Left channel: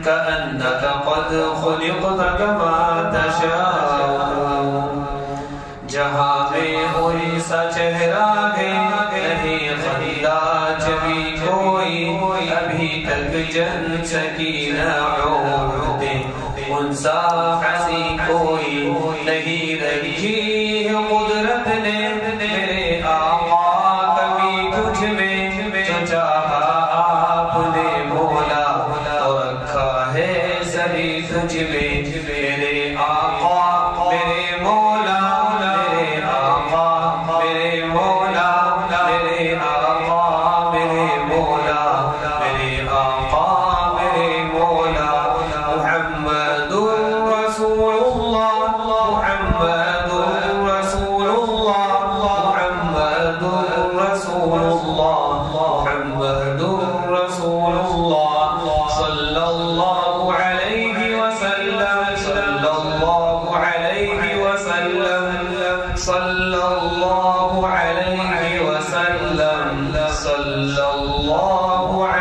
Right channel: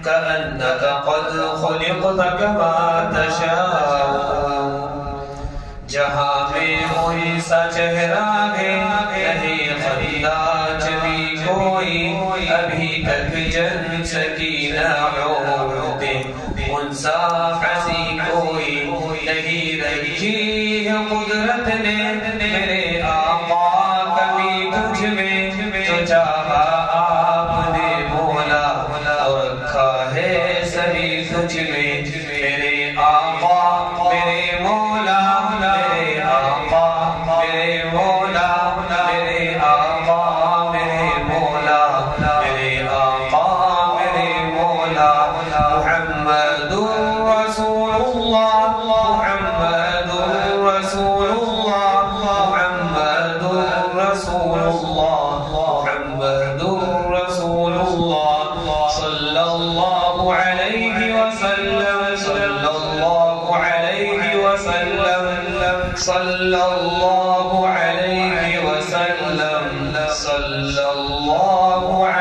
كأنك قد خلقت كما تشاء جہاں میں کوئی سا چہرہ ہے نہیں خداج بھی کوئی ابھی تک جن سکینہ عورت انسا حسی کوئی نہیں رکھی قدرت نے میرے آقا کبھی تجھ میں جو چاہا آپ نے مولا اور رکھا ہے سبھی تجھ میں میرے آقا میرے مولا میرے آقا میرے مولا میرے آقا میرے مولا میرے آقا میرے مولا محمد رسول اللہ محمد رسول اللہ محمد رسول اللہ محمد رسول اللہ صلی اللہ علیہ وسلم صلی اللہ علیہ وسلم صلی اللہ علیہ وسلم صلی اللہ علیہ